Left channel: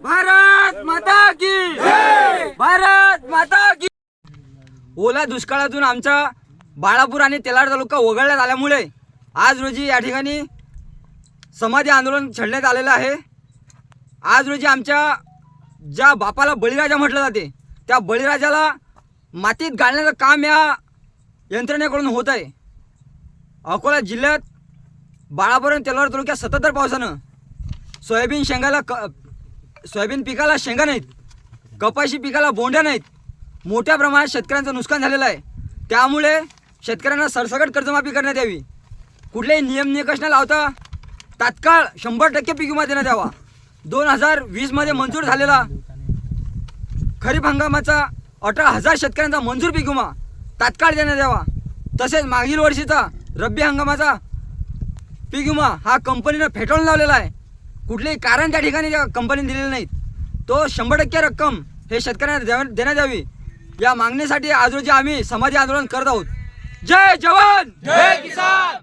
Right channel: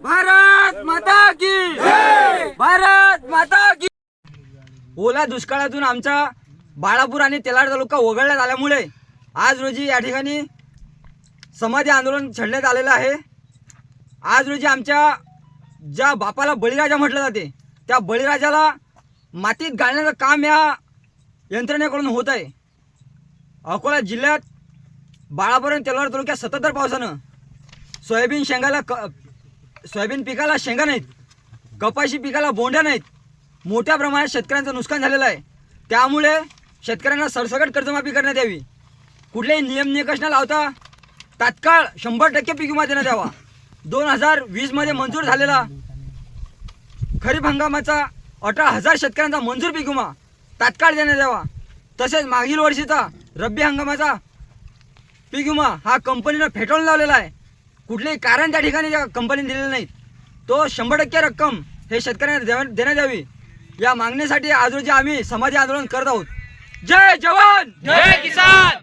भारत माता की भारत माता की ओला दुष्काळातून आमचा बाळापूर आणि तेलार तालुका वगळण्यात आल्यामुळे आज रोजी या ठिकाणी समाधी आंदोलन छेडण्यात आलेलं आहे. आज रोजी आमच्या ज्या बापाला बळीराजा म्हटलं जाते त्या बळीराजाला मातीत घालण्याचं काम या यंत्रणेकडून होत आहे. अकोला जिल्ह्यात बाळापूर तेलवार तालुक्यात सततधार पावसानं. सोयाबीन शेंगाला क सोयाबीन पिकाला शेंगा नाहीत. कपाशी पिकाला बोंड्या नाहीत. मोठ्या प्रमाणात शेतकऱ्यांचं नुकसान झालेलं आहे. त्यामुळे शेतकऱ्यांना सरसकट कर्जमाफी करण्यात यावी. कुठलेही नियम निकष न लावता तात्काळ शंभर टक्के पीक विमा देण्यात यावा. दोन हजार वीसमध्ये मंजूर झालेला खरीप हंगामाचा अठरा हजार शेतकऱ्यांचा मंजूर पीक विमा तात्काळ देण्यात यावा. तसेच मागील वर्षीचा रब्बी हंगामाचा पीक विमा हा कंपनीनं फेटाळून लावलेला आहे. कुठलेही कारण त्या ठिकाणी त्या कंपनीने दिलेलं नाही तो शंभर टक्के रक्कम हे शेतकऱ्यांना द्या देण्यात यावी. या मागणीसाठी आज रोजी आम्ही समाधी आंदोलन करत आहोत. जय जवान! जय किसान!